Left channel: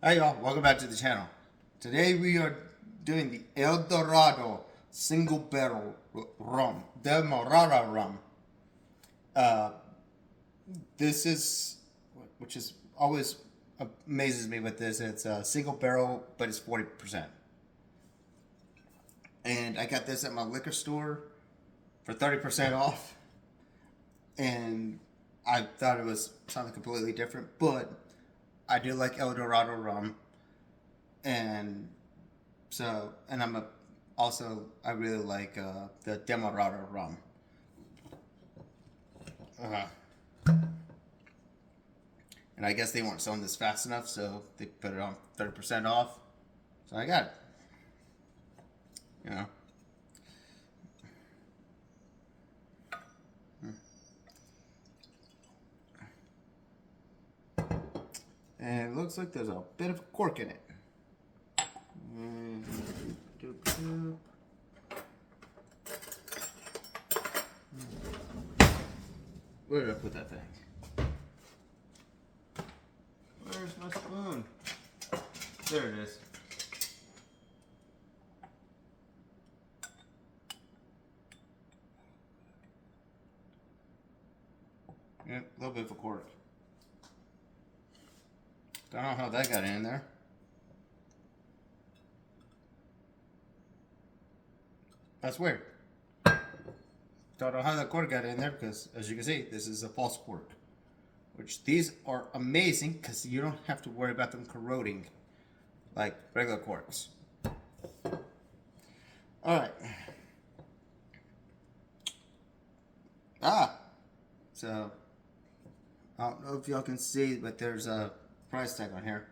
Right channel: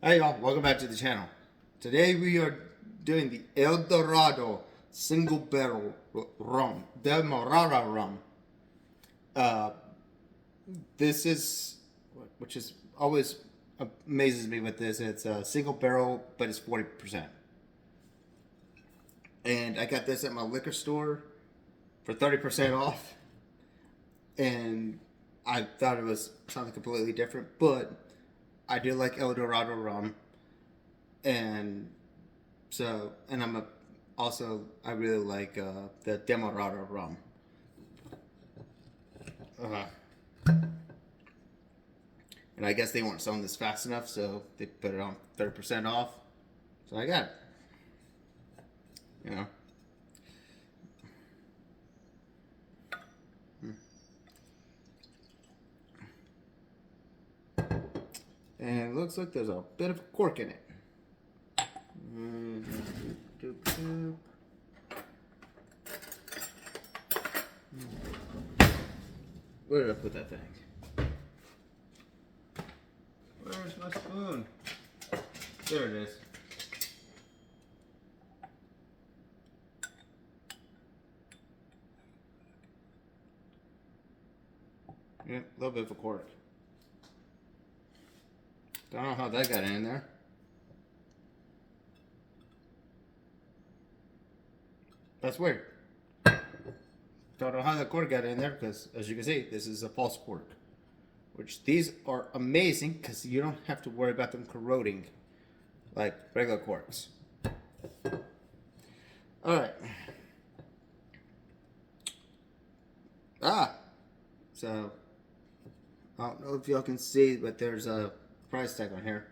Hi y'all, welcome back to the channel. Today we are doing the El Dorado single barrel rum, Dorado rum. Uh, this is, which is always amazes me with this. It's a single barrel, but it's 40%. And I got this at my liquor store for 30% off. And I thought it was something completely different, but I do like El Dorado rum, and and I really like the Dorado rum. Uh, and I guess they weren't selling this fast enough, so they put it on 30% off. So I got it. You know. And it looks like there's a bit of a cork in it. Where did I put that thing? Where's my spoon? There it is. Yeah, a little bit of a cork. Don't know how that got in there. That's weird. Don't know how the cork got in there because, as you can see, this is a false cork. Which these are amazing because you don't have to worry about them corroding like regular corks. Alright. So, I don't know if y'all can see, but there's a price tag on here.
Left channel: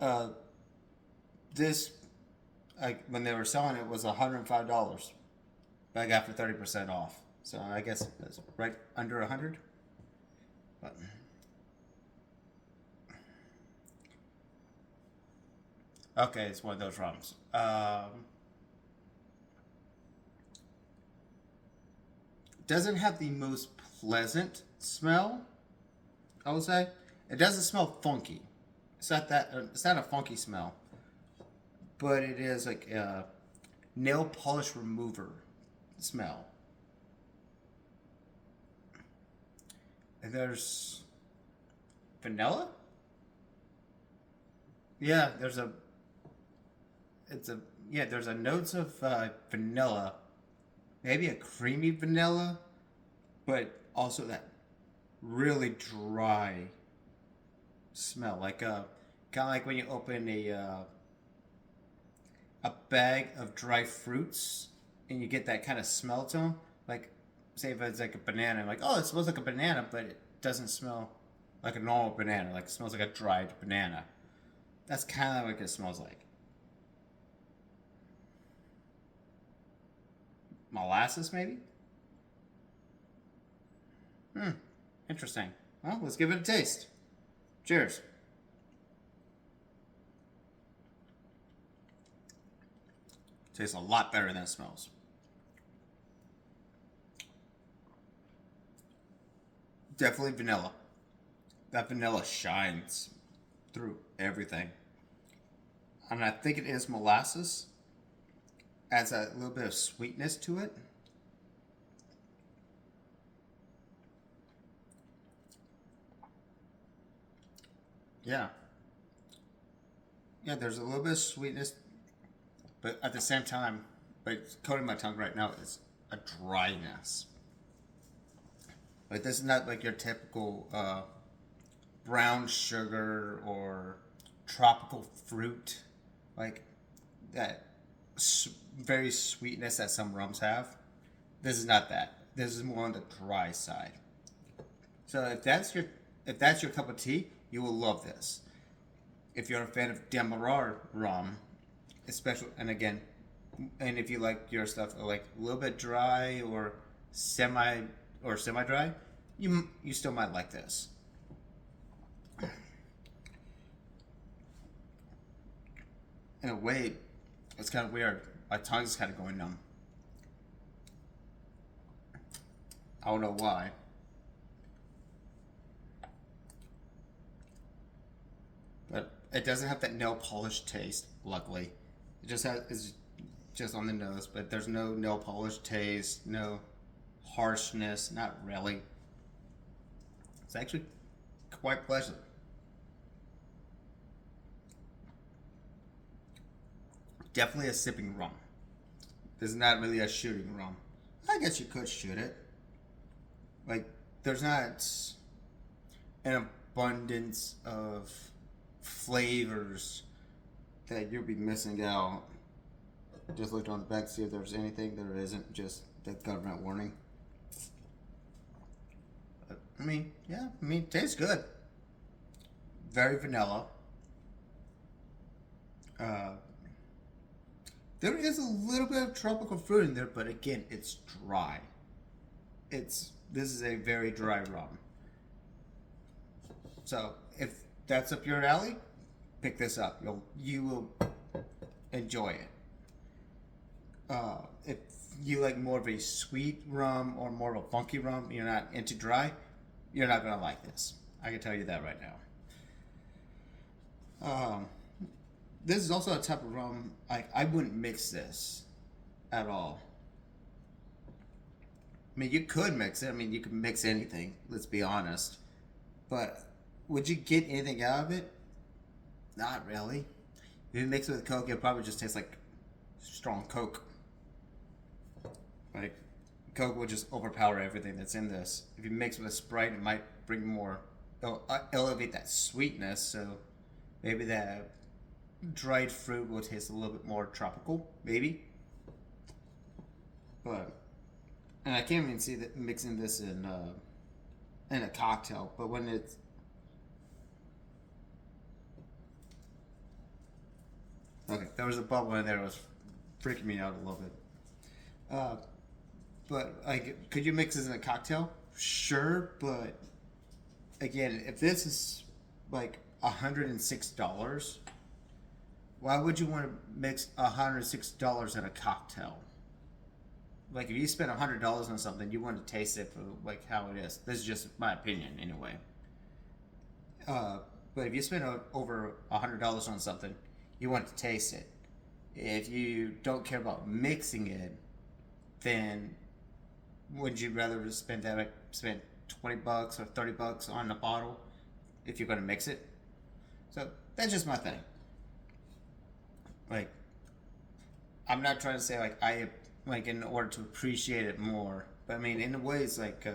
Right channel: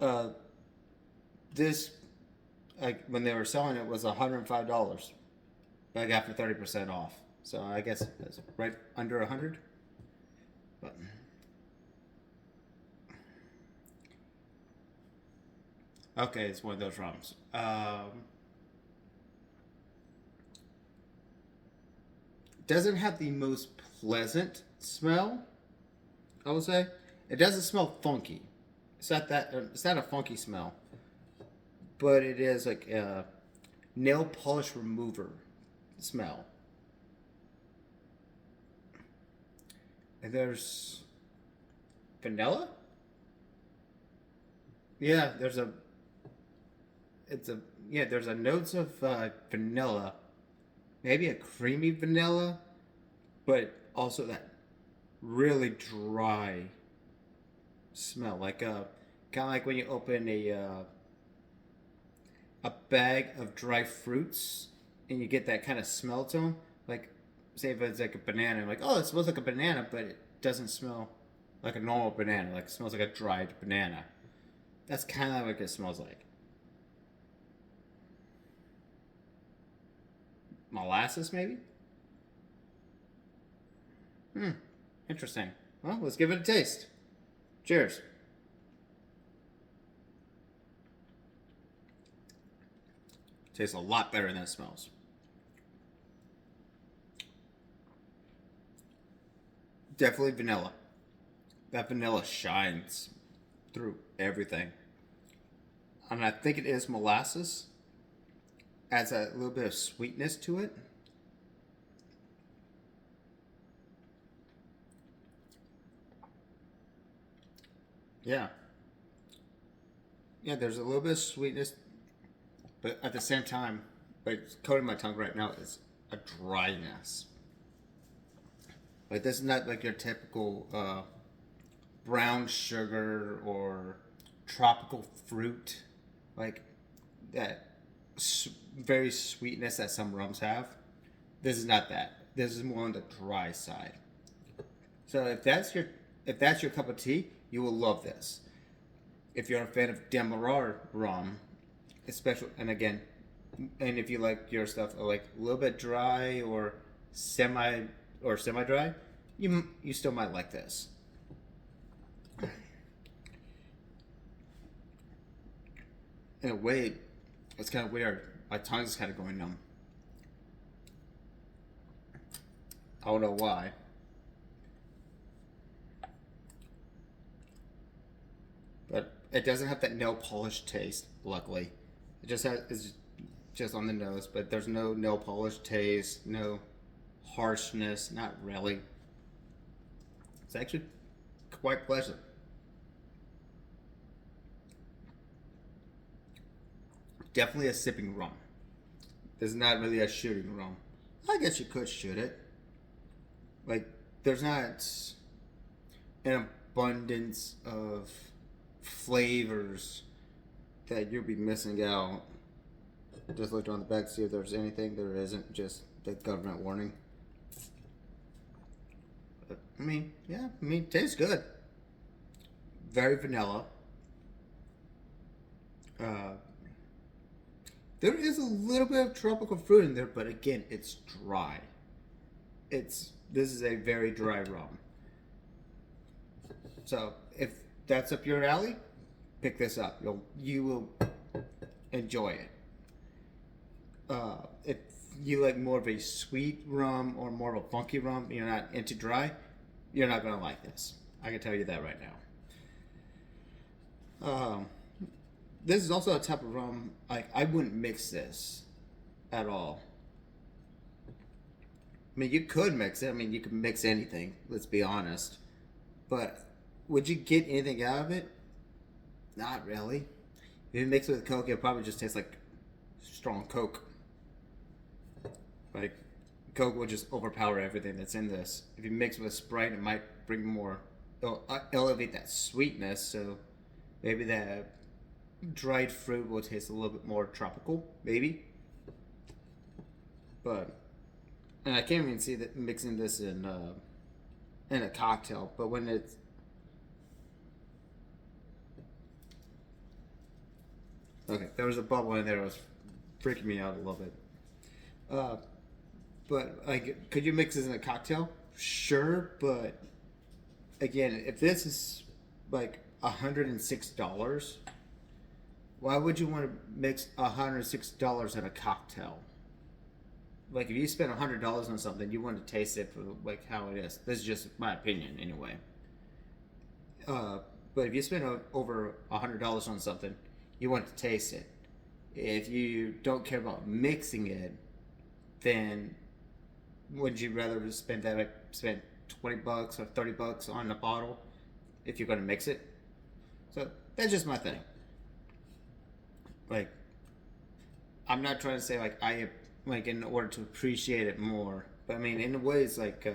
Uh, this, like when they were selling it, was $105. But I got for 30% off. So I guess it's right under 100. But, okay, it's one of those rums. Doesn't have the most pleasant smell, I would say. It doesn't smell funky. It's not a funky smell, but it is like a nail polish remover smell. And there's vanilla. Yeah, it's a there's a notes of vanilla, maybe a creamy vanilla, but also that really dry smell, like kind of like when you open a bag of dry fruits and you get that kind of smell to them. Like, say if it's like a banana, like, oh, it smells like a banana, but it doesn't smell like a normal banana. Like, it smells like a dried banana. That's kind of like it smells like. Molasses, maybe? Hmm, interesting. Well, let's give it a taste. Cheers. Tastes a lot better than it smells. Definitely vanilla. That vanilla shines through everything. And I think it is molasses. Adds a little bit of sweetness to it. Yeah. Yeah, there's a little bit of sweetness, but at the same time, like coating my tongue right now is a dryness. Like this is not like your typical brown sugar or tropical fruit, like that very sweetness that some rums have. This is not that. This is more on the dry side. So if that's your cup of tea, you will love this. If you're a fan of Demerara rum, especially, and again, and if you like your stuff like a little bit dry or semi semi dry, you still might like this. In a way, it's kind of weird. My tongue is kind of going numb. I don't know why. but it doesn't have that nail polish taste. Luckily, it's just on the nose, but there's no nail polish taste, no harshness, not really. It's actually quite pleasant. Definitely a sipping rum. This is not really a shooting rum. I guess you could shoot it. Like, there's not an abundance of flavors that you'll be missing out. Just looked on the back to see if there's anything. There isn't, just the government warning. I mean, yeah, it tastes good. Very vanilla. Uh, there is a little bit of tropical fruit in there, but again, it's dry. This is a very dry rum. So if that's up your alley, pick this up. You will enjoy it. If you like more of a sweet rum or more of a funky rum, you're not into dry, you're not gonna like this. I can tell you that right now. This is also a type of rum I wouldn't mix this at all. I mean, you could mix it. I mean, you could mix anything. Let's be honest. But would you get anything out of it? Not really. If you mix it with Coke, it probably just tastes like strong Coke. Like, Coke will just overpower everything that's in this. If you mix it with Sprite, it might bring more. It'll elevate that sweetness. So maybe that dried fruit will taste a little bit more tropical. Maybe. But. And I can't even see that mixing this in a cocktail, but when it's okay, there was a bubble in there that was freaking me out a little bit. But like, could you mix this in a cocktail? Sure, but again, if this is like $106, why would you want to mix $106 in a cocktail? Like, if you spend $100 on something, you want to taste it for like how it is. This is just my opinion, anyway. But if you spend over $100 on something, you want to taste it. If you don't care about mixing it, then would you rather spend 20 bucks or 30 bucks on a bottle if you're going to mix it? So that's just my thing. Like, I'm not trying to say like in order to appreciate it more, but I mean in a way it's like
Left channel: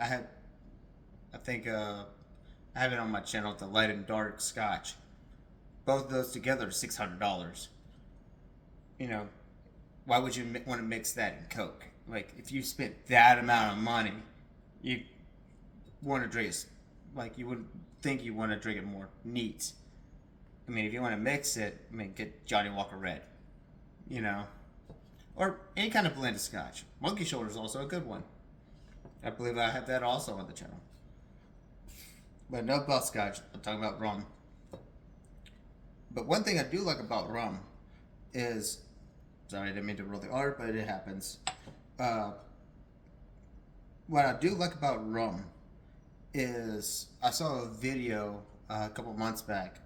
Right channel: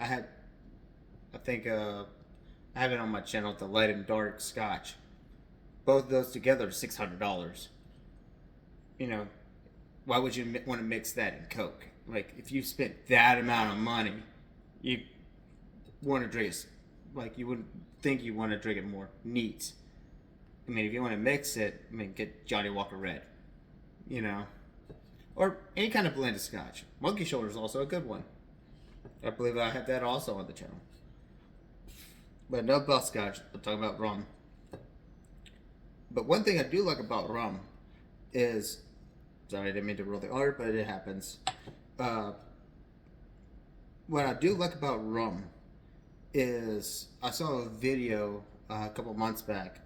I have it on my channel, the light and dark Scotch. Both of those together are $600. You know, why would you want to mix that in Coke? Like, if you spent that amount of money, you want to drink it, like, you would think you want to drink it more neat. I mean, if you want to mix it, I mean, get Johnny Walker Red, you know. Or any kind of blended Scotch. Monkey Shoulder is also a good one. I believe I have that also on the channel. But no about Scotch. I'm talking about rum. But one thing I do like about rum is... Sorry, I didn't mean to roll the R, but it happens. What I do like about rum is... I saw a video a couple months back.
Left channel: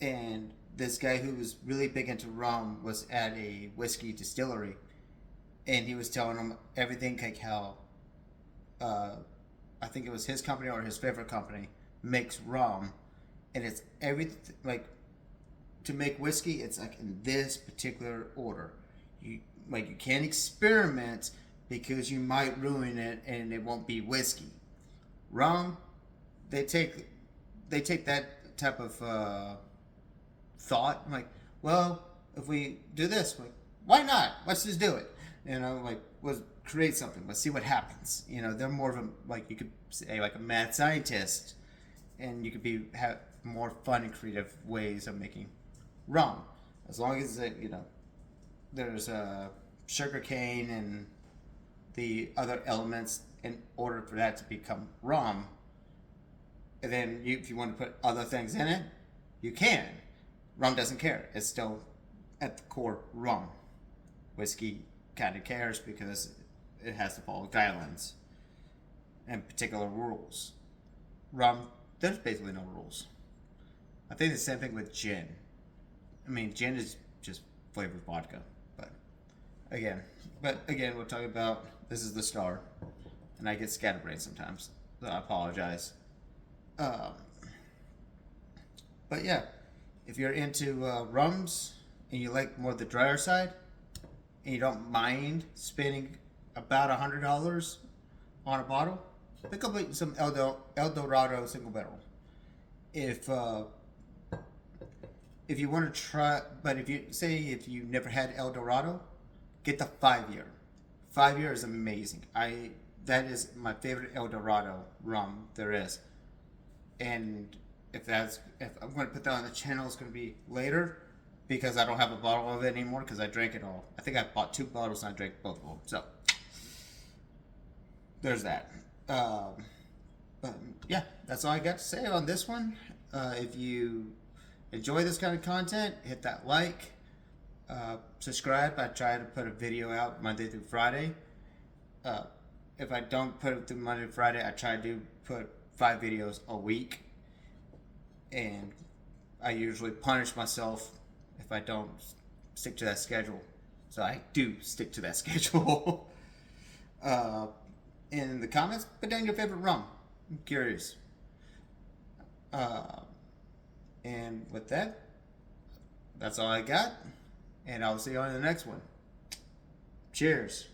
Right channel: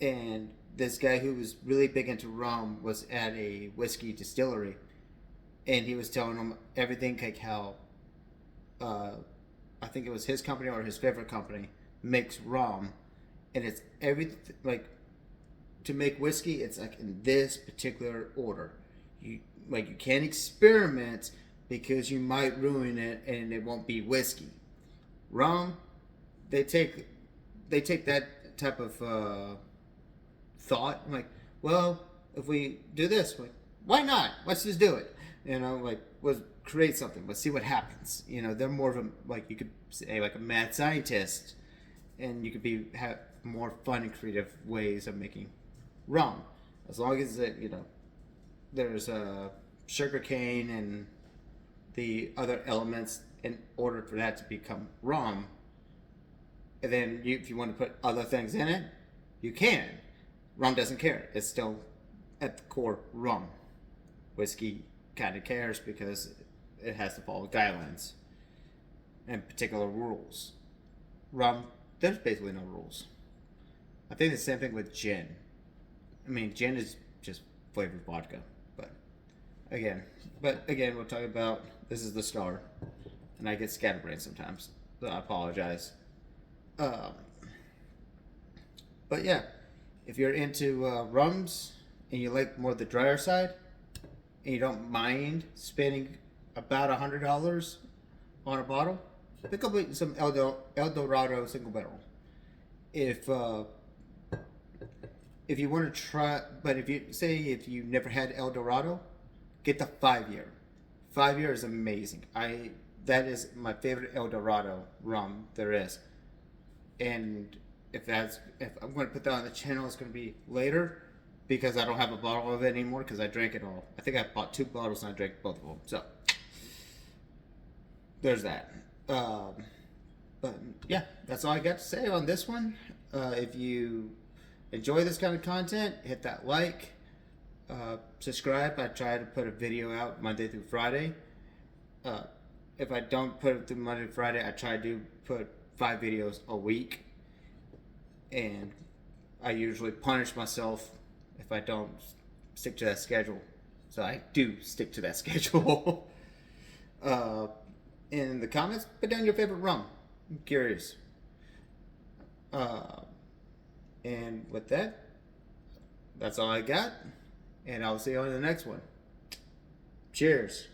And this guy who was really big into rum was at a whiskey distillery, and he was telling them everything, like how I think it was his company or his favorite company makes rum, and it's everything like to make whiskey. It's like in this particular order. You can't experiment because you might ruin it and it won't be whiskey. Rum, they take that type of thought, like, well, if we do this, like, why not? Let's just do it. You know, like, let's create something. Let's see what happens. You know, they're more of a, like, you could say, like a mad scientist, and you could have more fun and creative ways of making rum, as long as it, you know, there's sugar cane and the other elements in order for that to become rum. And then if you want to put other things in it, you can. Rum doesn't care. It's still at the core rum. Whiskey kind of cares because it has to follow guidelines and particular rules. Rum, there's basically no rules. I think the same thing with gin. I mean, gin is just flavored vodka, but again, we'll talk about this is the star, and I get scatterbrained sometimes, so I apologize. Um, but yeah, if you're into rums and you like more the drier side, and you don't mind spending about $100 on a bottle, pick up some El Dorado single barrel. If if you want to try, but if you never had El Dorado, get the 5 year. 5 year is amazing. That is my favorite El Dorado rum there is. And if I'm going to put that on the channel, it's going to be later because I don't have a bottle of it anymore because I drank it all. I think I bought 2 bottles and I drank both of them. So there's that. But yeah, that's all I got to say on this one. If you enjoy this kind of content, hit that like, subscribe. I try to put a video out Monday through Friday. If I don't put it through Monday to Friday, I try to put 5 videos a week. And I usually punish myself if I don't stick to that schedule. So I do stick to that schedule. In the comments, put down your favorite rum. I'm curious. And with that, that's all I got. And I'll see you on the next one. Cheers.